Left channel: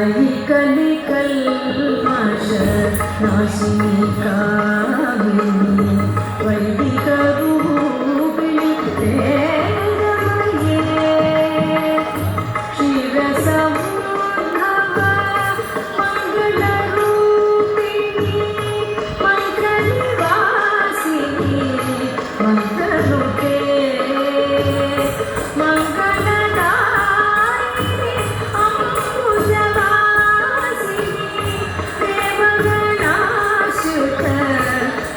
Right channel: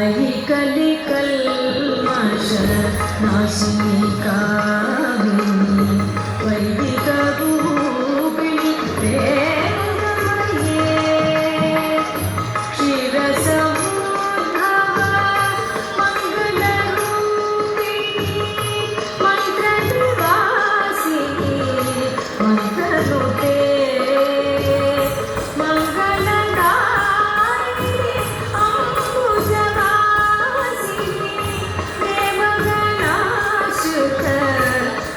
अयि कलि कल्मष नाशिनी कामिनी वैदिक रूपिणी प्रेममये क्षीरसमुद्भव मंगलरूपिणी मंत्रनिवासिनी मंत्ररूपे मंगलदायिनी अंकुशवासिनी प्रेमगणाश्रुत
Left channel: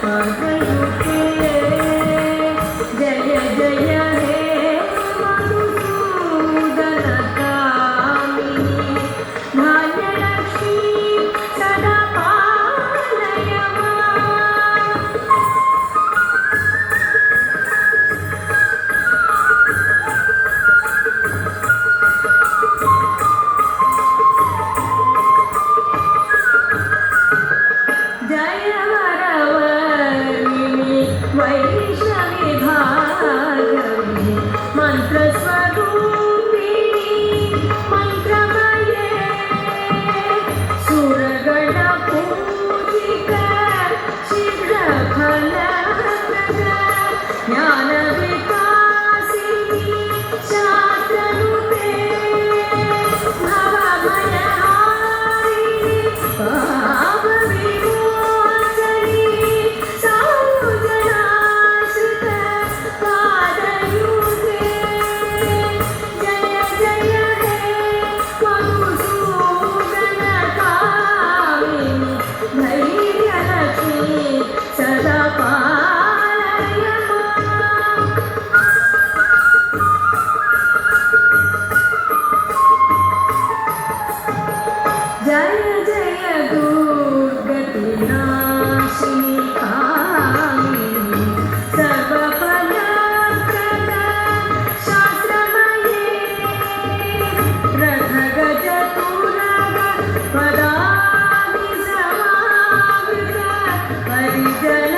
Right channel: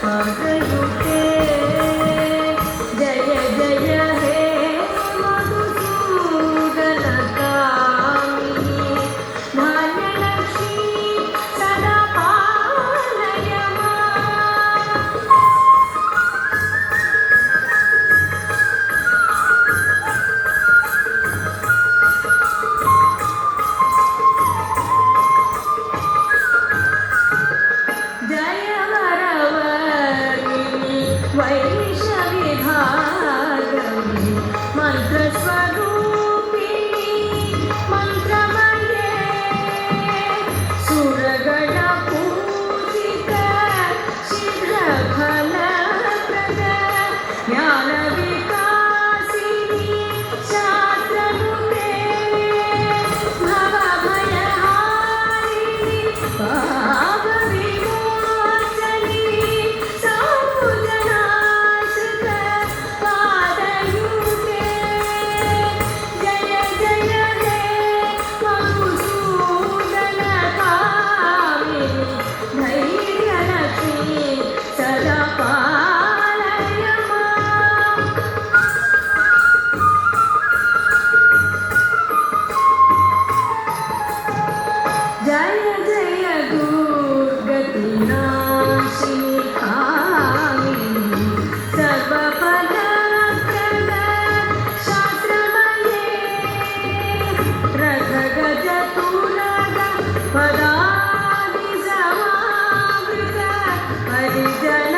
मंत्ररूपे जय जय हे मधुसूदनकामिनी धान्यलक्ष्मी सदा पालय माम् जय वरवर्णिनि वैष्णविभागनि मन्त्रस्वरूपिणि मन्त्रमये सुरगणपूजित शीघ्रफलप्रद ज्ञानविकासिनि शास्त्ररूपे भवभयहारिणि पापविमोचनि सौजन्याश्रित पादयुगे जय जय हे मधुसूदनकामिनि धैर्यलक्ष्मी सदा पालय माम् जय जय दुर्गतिनाशिनी कामिनी सर्वफलप्रद शास्त्रमये रथगजतुरग पदाभिसमावृत हरिजन